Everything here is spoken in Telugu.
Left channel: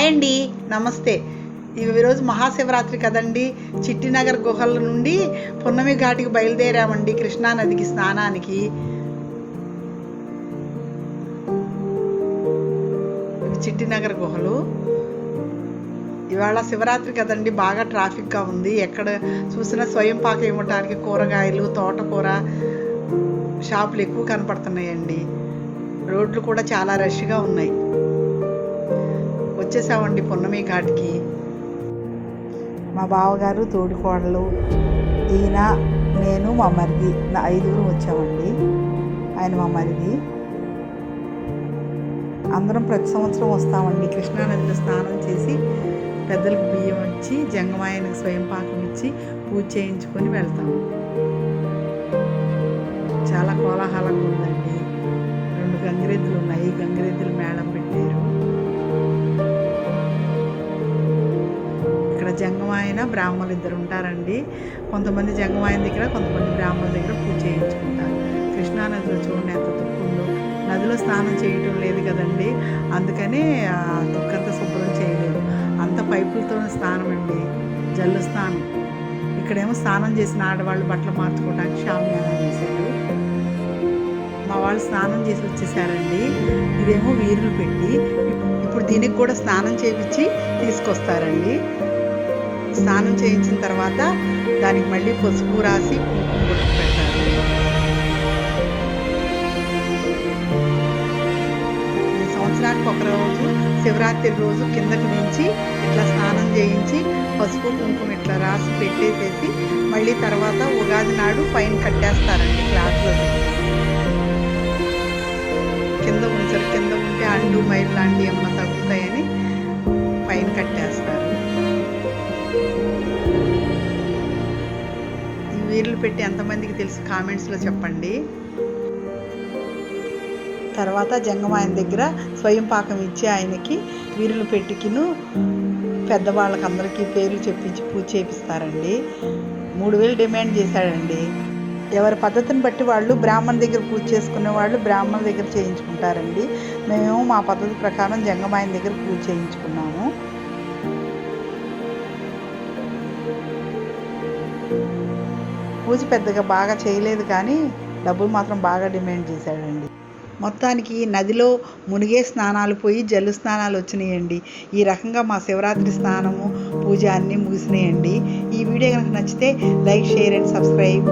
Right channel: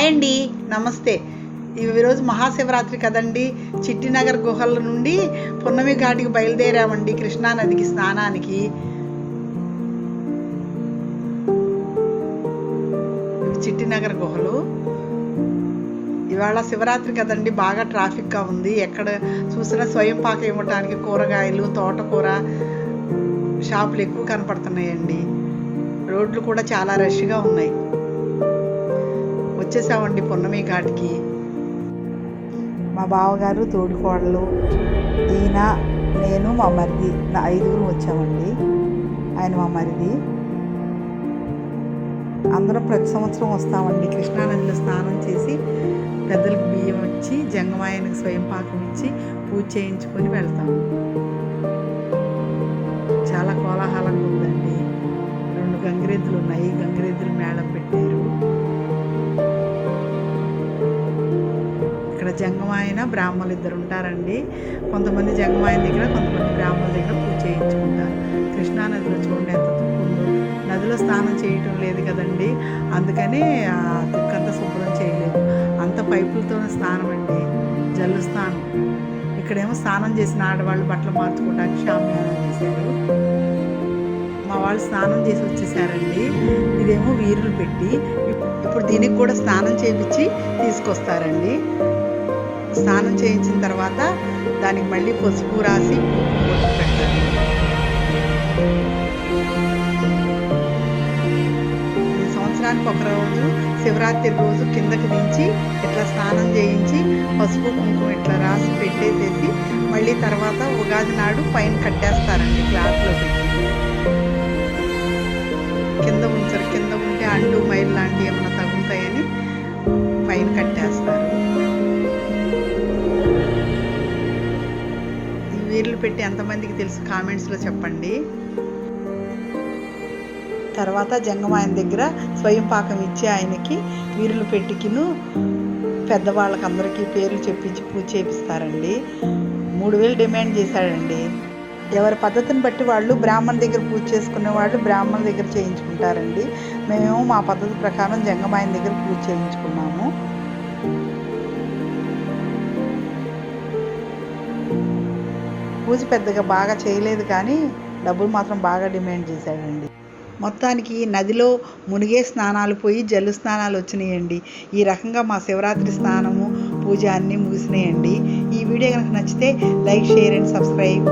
హాయ్ అండి నమస్తే ఈరోజు మహాశివరాత్రి కదండి. చిట్టినగర్ గుహల నుండి పున్నమి ఘాటికి బయలుదేరామండి కృష్ణా నదికి స్నానానికి. ఇవి చిట్టినగర్ గుహలు. ఇవాళ శివరాత్రి కదండి బాగా ట్రాఫిక్గా ఉంది. ఎక్కడ చూసినా స్వయం పాక ఇవ్వటానికి కూరగాయలు తోటకూర షాపులు ఎక్కువ కనపడుతున్నాయండి. రోడ్లు కూడా చాలా రష్గా ఉన్నాయి. వచ్చేసామండి పున్నమి ఘాట్కి. మా బావగారు తోడికోడలు ఈయన నేను మా మరిది నా ఐదుగురు వచ్చామండి. ఆయన మా మరిది. అందరం ప్రతి సంవత్సరం వస్తామండి. కృష్ణానదిలో స్నానం చేసి పెద్దలకు బియ్యం ఇచ్చి జంగమాయనకు స్వయం పాకం ఇచ్చి పూజ చేయించుకొని వెళ్తాము. చాలా కోలాహలంగా ఉందండి. రెండు గంగిరెద్దులు ఉన్నాయి. గంగిరెద్దులు మేళం పెట్టారు. ఇక్కడ జంగమాయన బ్రాహ్మణులు ఇద్దరు ఉంటారండి కొంతమంది జంగమాయన దగ్గర కొంతమంది బ్రాహ్మణుల దగ్గర పూజ చేయించుకుంటారు. కృష్ణానదిలో చూడండి ఎంత తుక్కుందో నదిలో స్నానం చేయటం లేదు కదండి. అందుకనే ఆ తుక్కంతా శుభ్రం చేయలేదు. అంత పైపులతోనే స్నానం అండి జల్లు స్నానం. ఇక్కడేమో స్నానం చేసిన ఆడవాళ్ళు బట్టలు మార్చుకోవడానికి షామియానా వేశారు. మా వాళ్ళు స్నానం చేసి వచ్చేసారండి. ఇదేమో వీరులు పెట్టి ఇప్పుడు దీనికి కూడా స్నానం చేయించి తీసుకొస్తారండి. స్నానం చేయించిన తర్వాత దానికి మళ్ళీ పసుపు రాసి కుంకుమ బొట్టు పెడతారు. సంవత్సరానికి ఒక రోజు శివరాత్రి రోజు కిందకి దించి ఇట్లా స్నానం చేయించి పసుపు కుంకుమ ఇట్లా రాసి పెట్టేసేసి మళ్ళీ తర్వాత ఉగాది నాడు పైన కట్టేస్తారండి క్లాత్లో పెట్టి. కింద ఉంచరు. కింద ఉంటే అంటూ మైలు లాంటివి ఏమైనా తగులుతాయని పైన కట్టేస్తారు. వీర్లు పెట్టి ఎంతమందికి తెలుసు? కామెంట్స్లో చెప్పండి. తర్వాత జంగమాయన దగ్గర స్వయం పాకం ఇచ్చి ఆయనకి వీరులు పెట్టికిను పెద్దవాళ్ళకి అందరికీ పేర్లు చెప్పించి పూజ చేపిస్తారండి. మూడు వేలు డిమాండ్ చేశాడండి. ఎవరి పద్ధతిని బట్టి వాళ్ళు బ్రాహ్మణ దగ్గర పూజ చేసుకునే వాళ్ళు బ్రాహ్మణ దగ్గర చేయించుకుంటారండి. మేము మా పద్ధతి ప్రకారం జంగమాయన దగ్గర పూజ చేయించుకున్నాము. పూజ పెద్దగా బాగా చేయలేదు కానీ డబ్బులు మాత్రం బాగా డిమాండ్ చేశాడండి. మొత్తానికి నదిలో మునిగే స్నానాలు పోయి జల్లు స్నానాలు వచ్చినాయండి. ఈ రకంగా మా శివరాత్రి స్నానము పూజ అన్నీ ముగిసినాయండి. ఈ వీడియో కనుక నచ్చితే లైక్ షేర్ అండ్ సబ్స్క్రైబ్.